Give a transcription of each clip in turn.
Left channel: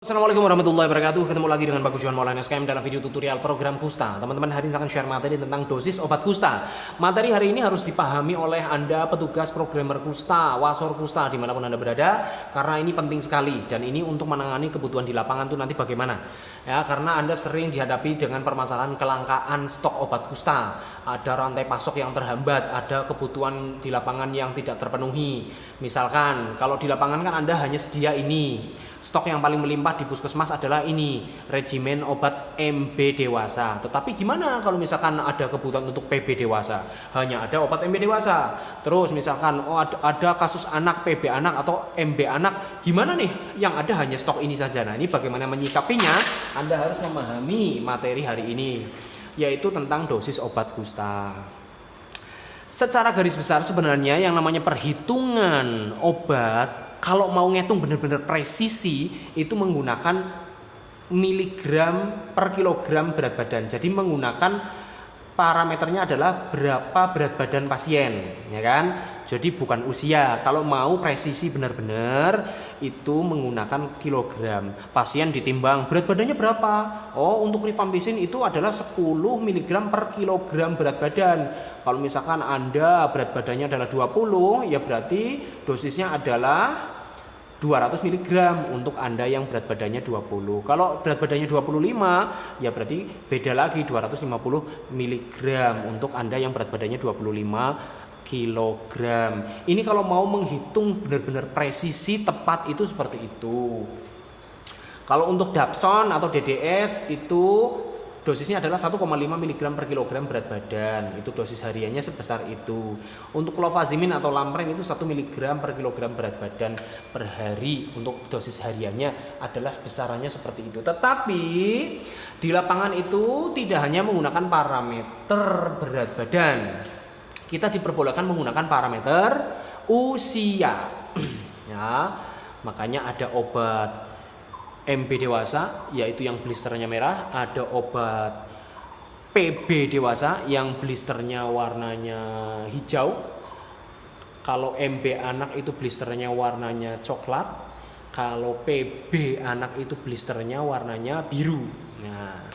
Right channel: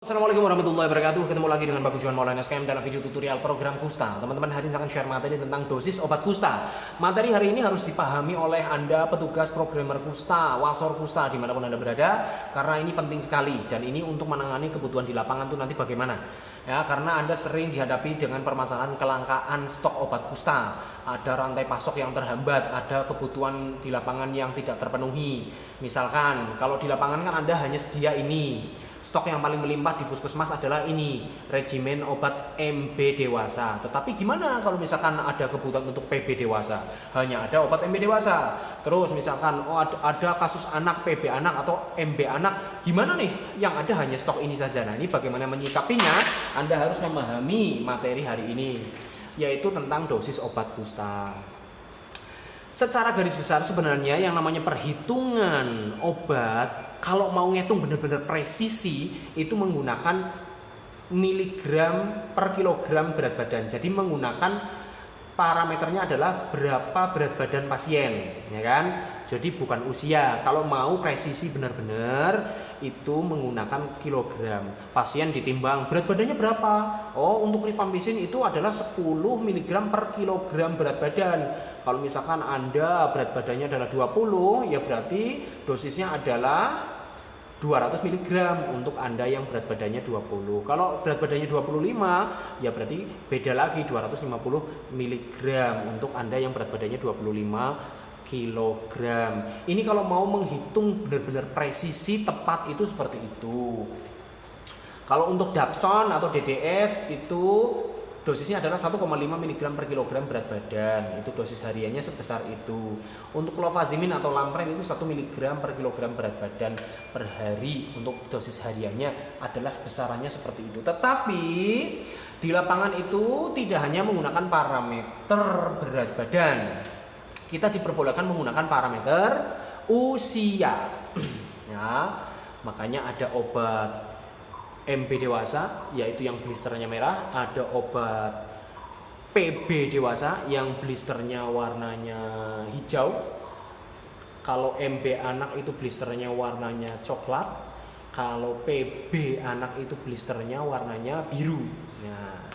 Assalamualaikum warahmatullahi wabarakatuh. Ketemu lagi dengan Bagus Johan Maulana SKM dalam video tutorial program Kusta. Teman-teman, hari ini akan share materi tentang dosis obat Kusta. Materi hari ini harus dipahami oleh Anda petugas programmer Kusta, wasor Kusta dimanapun Anda berada, karena ini penting sekali dan ini untuk menangani kebutuhan di lapangan tuh nanti bagaimana. Ya, karena Anda sering dihadapi dengan permasalahan kelangkaan stok obat Kusta. Ada rantai pasok yang terhambat, ada kebutuhan di lapangan yang tidak terpenuhi. Misalkan kalau di lapangan kan Anda hanya sedia ini. Stok yang paling melimpah di puskesmas adalah ini, regimen obat MB dewasa. Tetapi gimana kalau misalkan ada kebutuhan untuk PB dewasa? Hanya ada obat MB dewasa. Terus misalkan ada kasus anak, PB anak atau MB anak, gimana nih? Yang ada hanya stok ini saja. Nah, ini bagaimana menyikapinya? Anda harus memahami materi hari ini, yaitu tentang dosis obat Kusta. Secara garis besar sebenarnya yang namanya perhitungan obat, kalau mau ngitung benar-benar presisi, itu menggunakan miligram per kilogram berat badan. Jadi menggunakan parameternya adalah berapa berat badan pasien, ya kan? Jadi bukan usia. Kalau mau presisi benar-benar itu menggunakan kilogram. Pasien ditimbang berat badannya berapa? Oh, untuk rifampicin itu adalah 10 mg per kilogram berat badan. Kalau misalkan Anda berat badannya adalah 20, ya berarti dosisnya adalah 200 mg untuk Anda yang berat badannya 20. Kalau berat badannya 25, ya berarti beda lagi 250 mg untuk Anda yang berat badannya 25 kg. Ini kalau mau menghitung benar-benar presisi tepat itu seperti itu. Kalau untuk Dapson atau DDS itu dosisnya adalah 1,5 mg per kilogram berat badan. Itu dosis hariannya sebesar itu. Untuk clofazimin atau Lampren itu 1 mg per kilogram berat badan per hari. Untuk dosis hariannya adalah besarannya seperti itu. Tetapi di lapangan itu tidak hanya menggunakan parameter berat badan. Kita diperbolehkan menggunakan parameter usia. Ya, makanya ada obat MB dewasa, yaitu yang blisternya merah. Ada obat PB dewasa yang blisternya warnanya hijau. Kalau MB anak itu blisternya warnanya coklat. Kalau PB anak itu blisternya warnanya biru. Nah,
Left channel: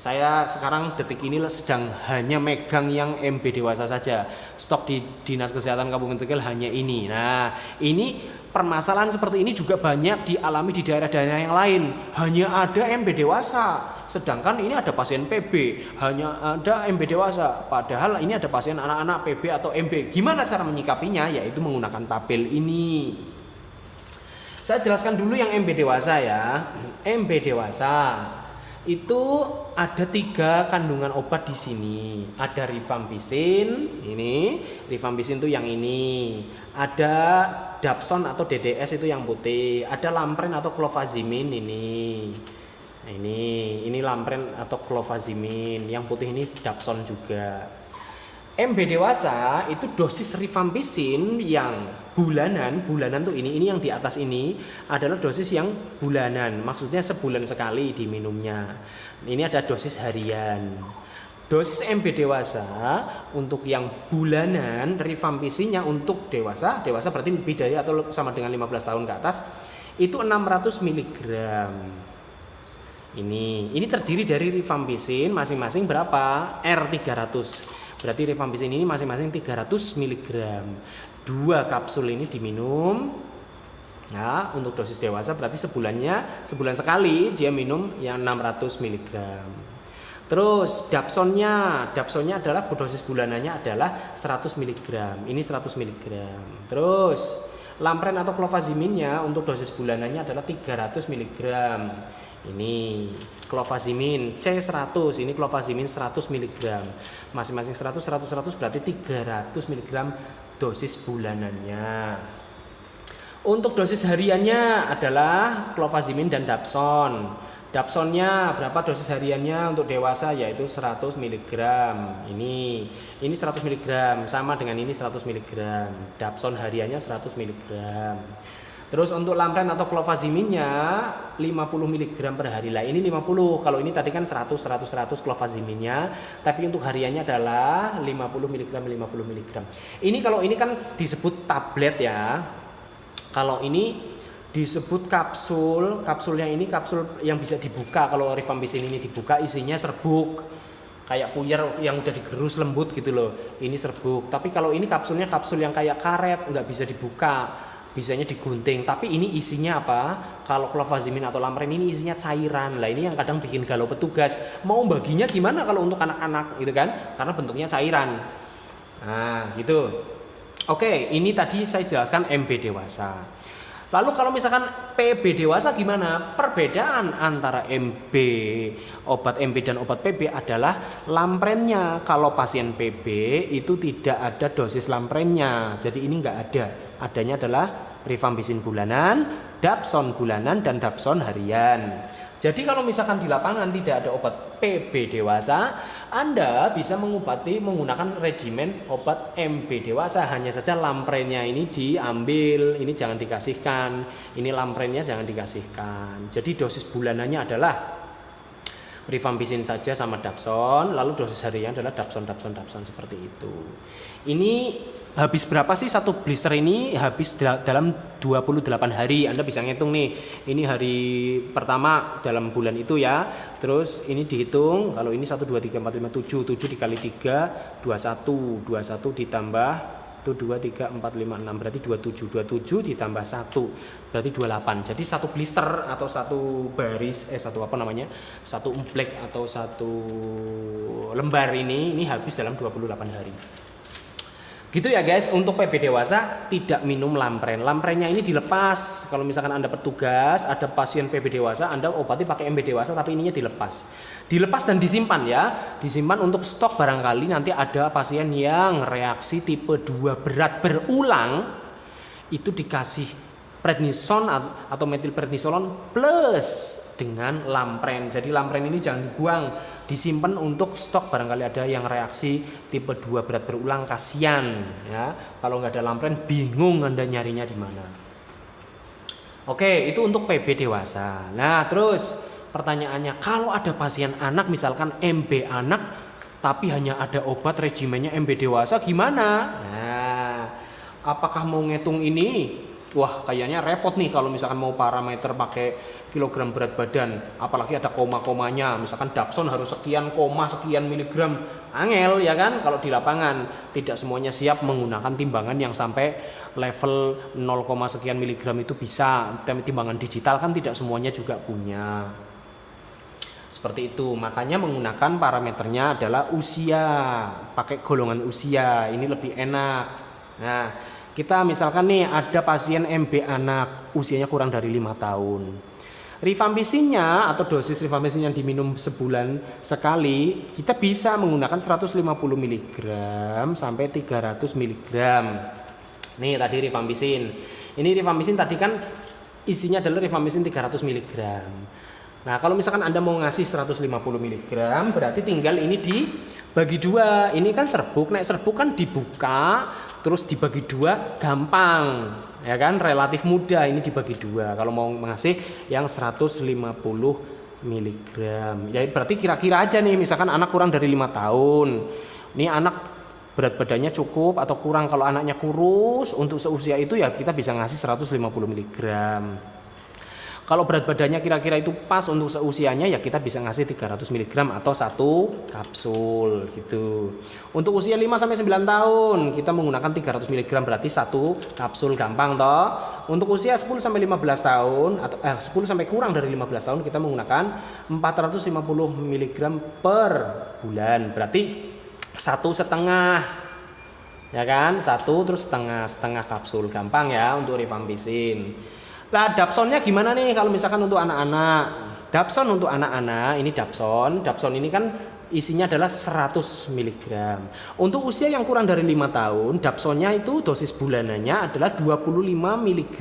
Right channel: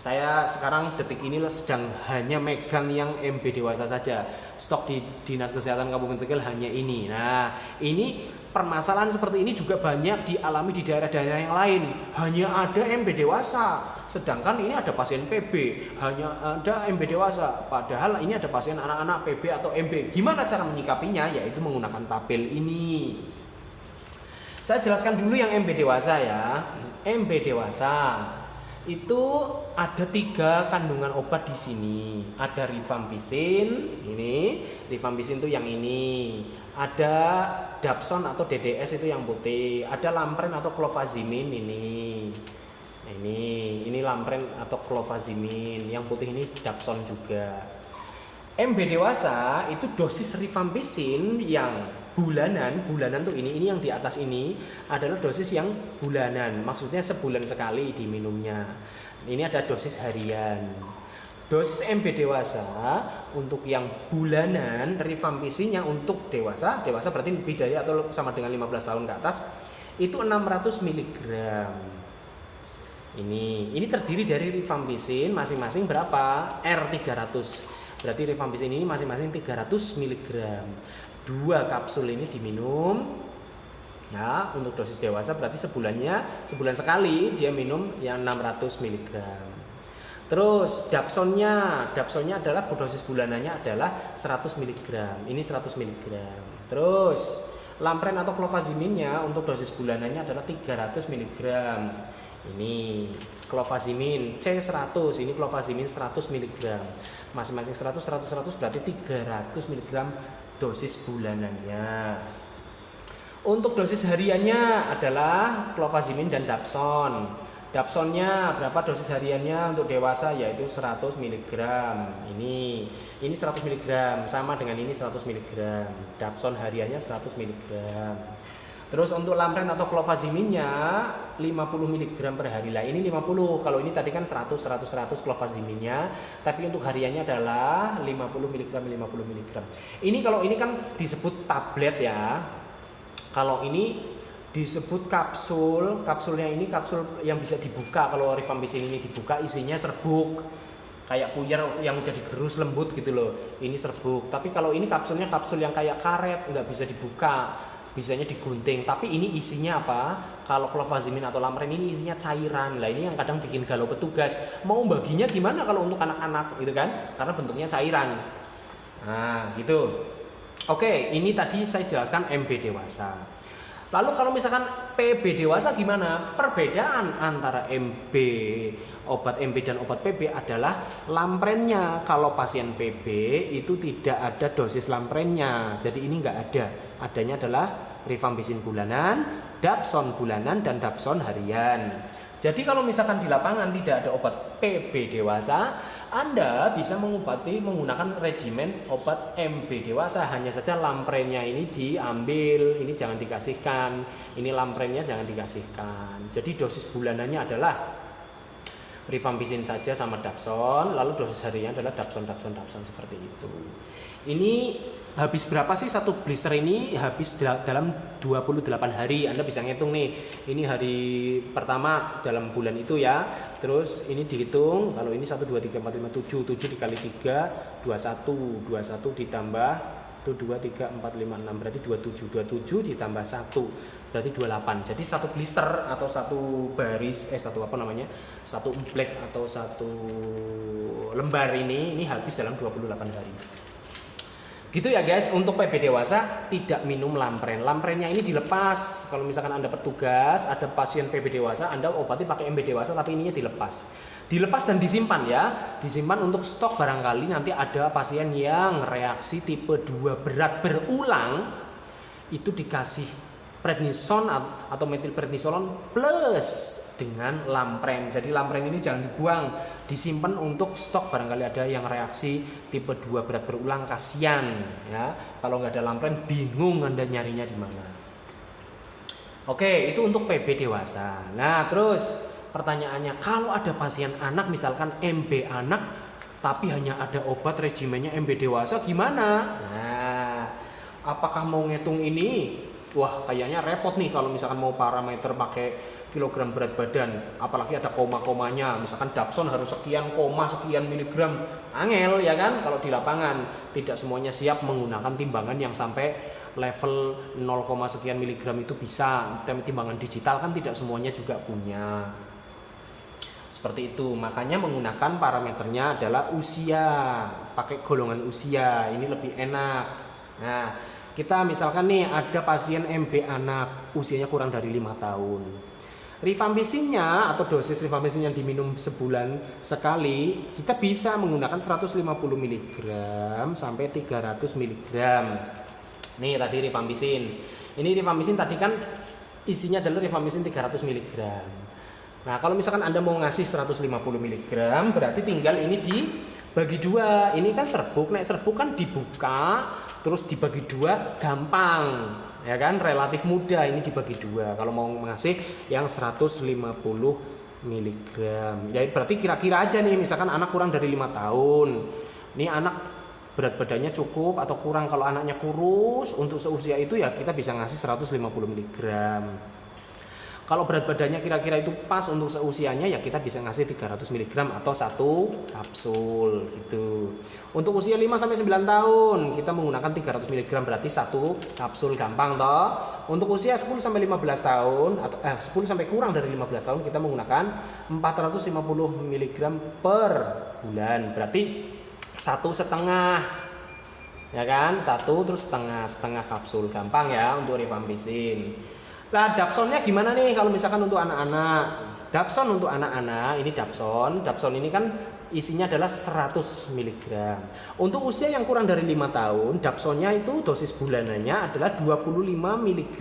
saya sekarang detik ini sedang hanya megang yang MB dewasa saja. Stok di Dinas Kesehatan Kabupaten Tegal hanya ini. Nah, ini permasalahan seperti ini juga banyak dialami di daerah-daerah yang lain. Hanya ada MB dewasa, sedangkan ini ada pasien PB. Hanya ada MB dewasa, padahal ini ada pasien anak-anak PB atau MB. Gimana cara menyikapinya? Yaitu menggunakan tabel ini. Saya jelaskan dulu yang MB dewasa ya. MB dewasa itu ada 3 kandungan obat di sini. Ada rifampicin, ini rifampicin itu yang ini. Ada Dapson atau DDS itu yang putih. Ada Lampren atau clofazimin ini. Nah, ini Lampren atau clofazimin. Yang putih ini Dapson juga. MB dewasa itu dosis rifampicin yang bulanan tuh ini yang di atas ini adalah dosis yang bulanan, maksudnya sebulan sekali diminumnya. Ini ada dosis harian. Dosis MB dewasa untuk yang bulanan, rifampicin yang untuk dewasa berarti lebih dari atau sama dengan 15 tahun ke atas itu 600 mg. Ini terdiri dari rifampicin masing-masing berapa? R300. Berarti rifampicin ini masing-masing 300 mg. 2 kapsul ini diminum. Nah, untuk dosis dewasa berarti sebulan sekali dia minum yang 600 mg. Terus Dapsonnya adalah dosis bulanannya adalah 100 mg. Ini 100 mg. Terus Lampren atau clofaziminnya untuk dosis bulanannya adalah 300 mg. Ini clofazimin C100, ini clofazimin 100 mg. Masing-masing 100 berarti 300 mg dosis bulanannya. Untuk dosis hariannya adalah clofazimin dan Dapson. Dapsonnya berapa dosis hariannya untuk dewasa, yaitu 100 mg. Ini 100 mg sama dengan ini 100 mg. Dapson hariannya 100 mg. Terus untuk Lampren atau clofaziminnya 50 mg per hari lah. Ini 50. Kalau ini tadi kan 100 clofaziminnya, tapi untuk hariannya adalah 50 mg. Ini kalau ini kan disebut tablet ya. Kalau ini disebut kapsul. Kapsulnya ini kapsul yang bisa dibuka. Kalau rifampicin ini dibuka isinya serbuk, kayak puyer yang udah digerus lembut gitu loh, ini serbuk. Tapi kalau ini kapsulnya kapsul yang kayak karet, nggak bisa dibuka, bisanya digunting. Tapi ini isinya apa? Kalau clofazimine atau Lamren ini isinya cairan. Lah ini yang kadang bikin galau petugas, mau baginya gimana kalau untuk anak-anak gitu kan, karena bentuknya cairan. Nah gitu. Oke, ini tadi saya jelaskan MB dewasa. Lalu kalau misalkan PB dewasa gimana? Perbedaan antara obat MB dan obat PB adalah lamprennya. Kalau pasien PB itu tidak ada dosis lamprennya. Jadi ini nggak ada. Adanya adalah rifampicin bulanan, dapson bulanan, dan dapson harian. Jadi kalau misalkan di lapangan tidak ada obat PB dewasa, Anda bisa mengobati menggunakan regimen obat MB dewasa. Hanya saja lamprennya ini diambil, ini jangan dikasihkan, ini lamprennya jangan dikasihkan. Jadi dosis bulanannya adalah rifampicin saja sama dapson, lalu dosis harian adalah dapson seperti itu. Ini habis berapa sih satu blister ini? Habis dalam 28 hari. Anda bisa ngitung nih, ini hari pertama dalam bulan itu ya. Terus ini dihitung, kalau ini 1, 2, 3, 4, 5, 7 dikali 3, 21 ditambah itu 2, 3, 4, 5, 6 berarti 27 ditambah 1 berarti 28. Jadi satu blister atau satu baris satu black atau satu lembar ini habis dalam 28 hari. Gitu ya guys. Untuk PB dewasa tidak minum lampren. Lamprennya ini dilepas. Kalau misalkan Anda petugas, ada pasien PB dewasa, Anda obati pakai MB dewasa tapi ininya dilepas. Dilepas dan disimpan ya. Disimpan untuk stok barangkali nanti ada pasien yang reaksi tipe 2 berat berulang, itu dikasih prednison atau metilprednisolon plus dengan lampren. Jadi lampren ini jangan dibuang, disimpan untuk stok barangkali ada yang reaksi tipe 2 berat berulang, kasihan ya. Kalau nggak ada lampren bingung Anda nyarinya di mana. Oke, itu untuk PB dewasa. Nah, terus pertanyaannya, kalau ada pasien anak misalkan MB anak tapi hanya ada obat regimennya MB dewasa gimana? Nah, apakah mau ngitung ini? Wah, kayaknya repot nih kalau misalkan mau parameter pakai kilogram berat badan, apalagi ada koma-komanya, misalkan dapson harus sekian koma sekian miligram, angel ya kan. Kalau di lapangan tidak semuanya siap menggunakan timbangan yang sampai level 0, sekian miligram itu bisa. Timbangan digital kan tidak semuanya juga punya. Seperti itu, makanya menggunakan parameternya adalah usia, pakai golongan usia, ini lebih enak. Nah, kita misalkan nih ada pasien MB anak usianya kurang dari 5 tahun. Rifampicinnya atau dosis rifampicin yang diminum sebulan sekali kita bisa menggunakan 150 mg sampai 300 mg. Nih tadi rifampicin. Ini rifampicin tadi kan isinya adalah rifampicin 300 mg. Nah, kalau misalkan Anda mau ngasih 150 mg berarti tinggal ini dibagi 2. Ini kan serbuk, serbuk kan dibuka terus dibagi 2 gampang, ya kan, relatif mudah. Ini dibagi 2 kalau mau ngasih yang 150 mg. Ya berarti kira-kira aja nih, misalkan anak kurang dari 5 tahun. Ini anak berat badannya cukup atau kurang. Kalau anaknya kurus untuk seusia itu ya kita bisa ngasih 150 mg. Kalau berat badannya kira-kira itu pas untuk seusianya ya kita bisa ngasih 300 mg atau 1 kapsul gitu. Untuk usia 5 sampai 9 tahun kita menggunakan 300 mg berarti 1 kapsul, gampang toh. Untuk usia 10 sampai 15 tahun atau 10 sampai kurang dari 15 tahun kita menggunakan 450 mg per bulan. Berarti 1,5 ya kan? 1 terus setengah kapsul, gampang ya untuk rifampicin. Nah, dapsonnya gimana nih kalau misalkan untuk anak-anak? Dapson untuk anak-anak ini dapson ini kan isinya adalah 100 mg. Untuk usia yang kurang dari 5 tahun, dapsonnya itu dosis bulanannya adalah 25 mg.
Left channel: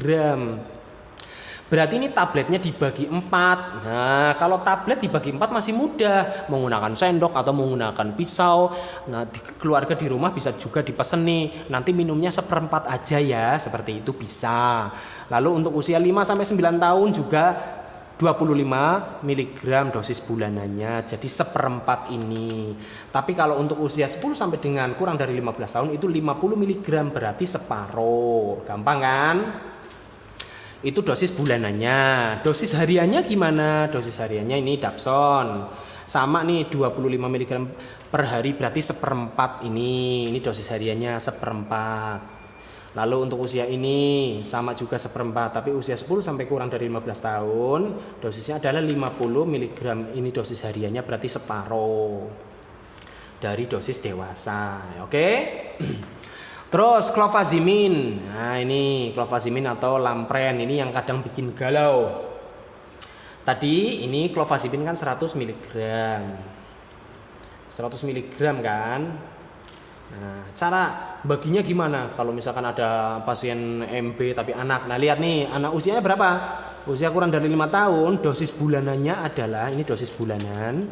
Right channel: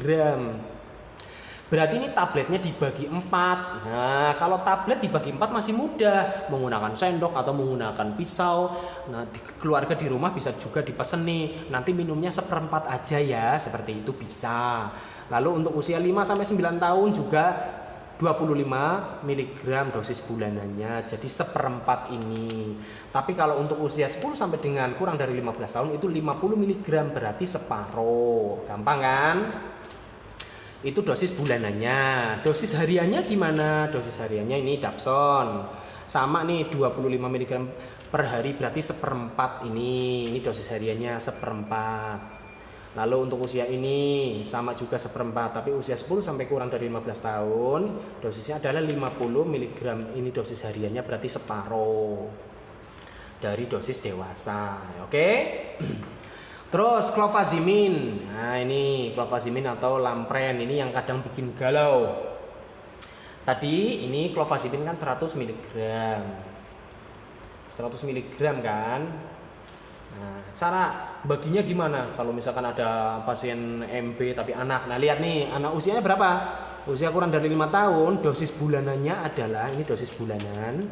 Berarti ini tabletnya dibagi 4. Nah, kalau tablet dibagi 4 masih mudah, menggunakan sendok atau menggunakan pisau. Nah, keluarga di rumah bisa juga dipesan nih, nanti minumnya 1/4 aja ya, seperti itu bisa. Lalu untuk usia 5 sampai 9 tahun juga 25 mg dosis bulanannya, jadi 1/4 ini. Tapi kalau untuk usia 10 sampai dengan kurang dari 15 tahun itu 50 mg berarti separuh. Gampang kan? Itu dosis bulanannya. Dosis hariannya gimana? Dosis hariannya ini Dapson. Sama nih 25 mg per hari berarti seperempat ini. Ini dosis hariannya seperempat. Lalu untuk usia ini sama juga seperempat, tapi usia 10 sampai kurang dari 15 tahun dosisnya adalah 50 mg. Ini dosis hariannya berarti separuh dari dosis dewasa. Oke? Terus clofazimin. Nah, ini clofazimin atau lampren ini yang kadang bikin galau. Tadi ini clofazimin kan 100 mg. 100 mg kan? Nah, cara baginya gimana? Kalau misalkan ada pasien MB tapi anak. Nah, lihat nih, anak usianya berapa? Usia kurang dari 5 tahun, dosis bulanannya adalah ini dosis bulanan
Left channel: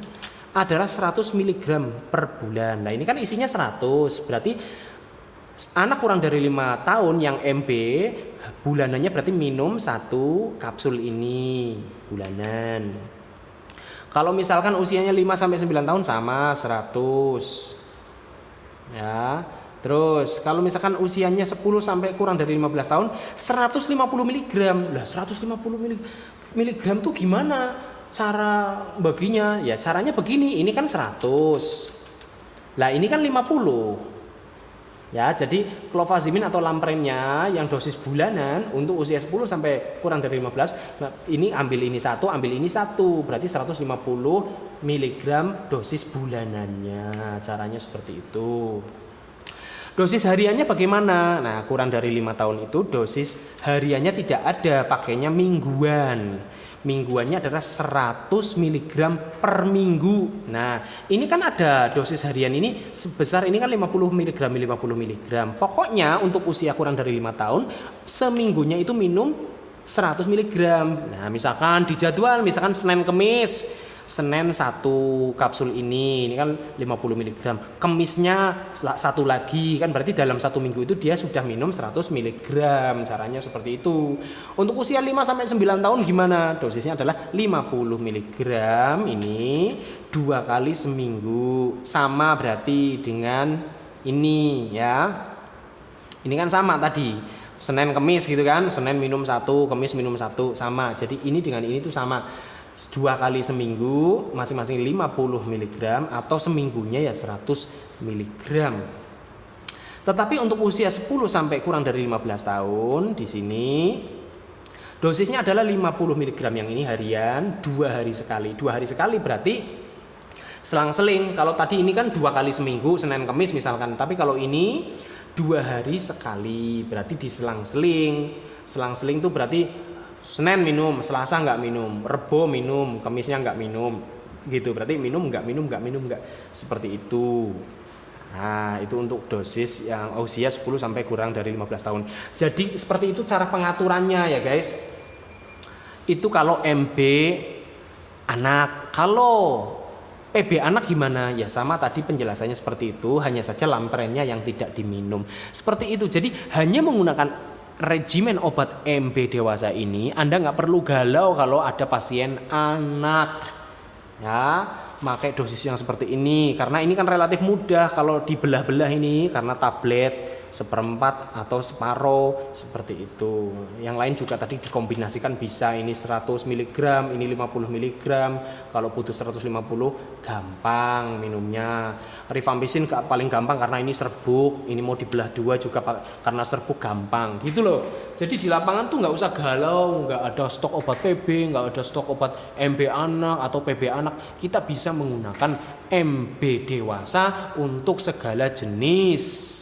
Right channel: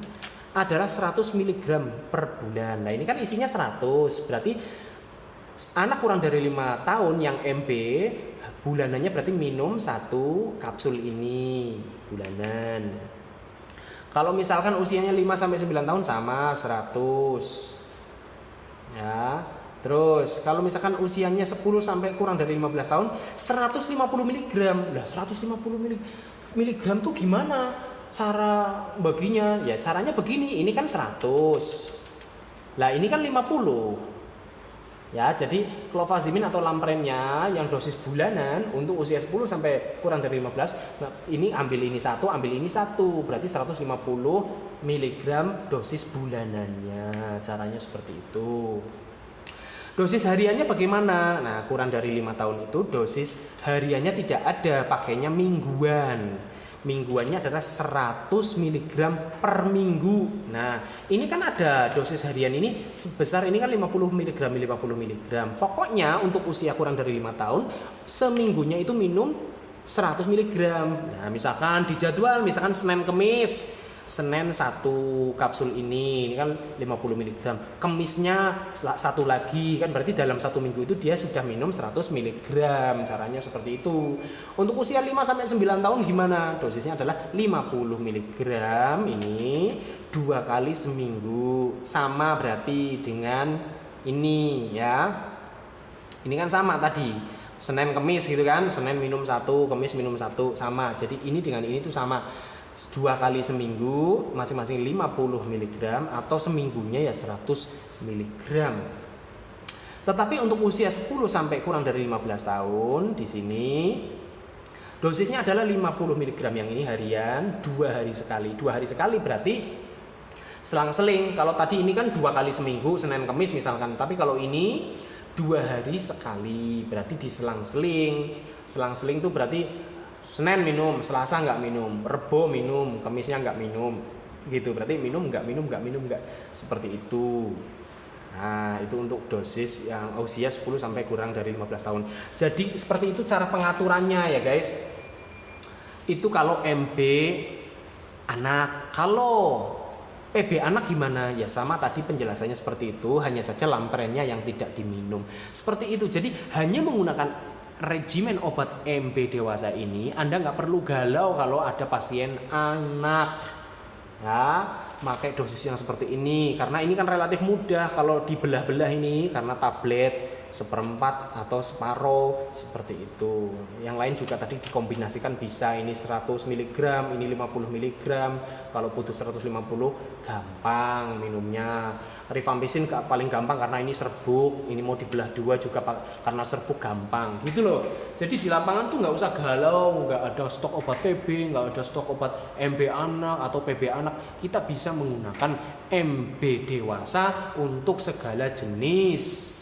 adalah 100 mg per bulan. Nah, ini kan isinya 100. Berarti anak kurang dari 5 tahun yang MB bulanannya berarti minum 1 kapsul ini bulanan. Kalau misalkan usianya 5 sampai 9 tahun sama 100. Ya. Terus kalau misalkan usianya 10 sampai kurang dari 15 tahun 150 mg. Lah 150 mg tuh gimana cara baginya? Ya caranya begini, ini kan 100. Lah ini kan 50. Ya, jadi clofazimin atau lamprennya yang dosis bulanan untuk usia 10 sampai kurang dari 15, nah ini ambil ini satu, ambil ini satu, berarti 150 mg dosis bulanannya. Caranya seperti itu. Dosis hariannya bagaimana? Nah, kurang dari 5 tahun itu dosis hariannya tidak ada, pakainya mingguan. Mingguannya adalah 100 mg per minggu. Nah, ini kan ada dosis harian ini sebesar ini kan 50 mg, 50 mg. Pokoknya untuk usia kurang dari 5 tahun, seminggunya itu minum 100 mg. Nah, misalkan di jadwal, misalkan Senin Kemis, Senin 1 kapsul ini kan 50 mg. Kemisnya satu lagi, kan berarti dalam 1 minggu itu dia sudah minum 100 mg. Caranya seperti itu. Untuk usia 5 sampai 9 tahun gimana? Dosisnya adalah 50 mg ini 2 kali seminggu. Sama berarti dengan ini ya. Ini kan sama tadi. Senin Kemis gitu kan. Senin minum 1, Kemis minum 1, sama. Jadi ini dengan ini tuh sama. 2 kali seminggu masing-masing 50 mg atau seminggunya ya 100 mg. Tetapi untuk usia 10 sampai kurang dari 15 tahun di sini dosisnya adalah 50 mg yang ini harian 2 hari sekali. 2 hari sekali berarti selang-seling. Kalau tadi ini kan 2 kali seminggu Senin Kemis misalkan, tapi kalau ini 2 hari sekali berarti diselang-seling. Selang-seling itu berarti Senin minum, Selasa nggak minum, Rebo minum, Kamisnya nggak minum, gitu. Berarti minum nggak, seperti itu. Nah, itu untuk dosis yang usia 10 sampai kurang dari 15 tahun. Jadi seperti itu cara pengaturannya ya guys. Itu kalau MB anak. Kalau PB anak gimana? Ya sama tadi penjelasannya seperti itu, hanya saja lamprennya yang tidak diminum. Seperti itu. Jadi hanya menggunakan regimen obat MB dewasa ini Anda nggak perlu galau kalau ada pasien anak ya, pakai dosis yang seperti ini karena ini kan relatif mudah kalau dibelah-belah ini karena tablet seperempat atau separuh seperti itu. Yang lain juga tadi dikombinasikan bisa, ini 100 mg, ini 50 mg. Kalau butuh 150 gampang minumnya. Rifampicin paling gampang karena ini serbuk, ini mau dibelah 2 juga karena serbuk gampang gitu loh. Jadi di lapangan tuh nggak usah galau, nggak ada stok obat PB, nggak ada stok obat MB anak atau PB anak. Kita bisa menggunakan MB dewasa untuk segala jenis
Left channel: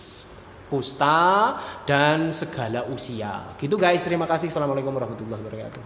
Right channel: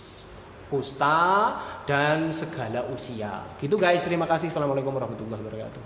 kusta dan segala usia. Gitu guys, terima kasih. Assalamualaikum warahmatullahi wabarakatuh.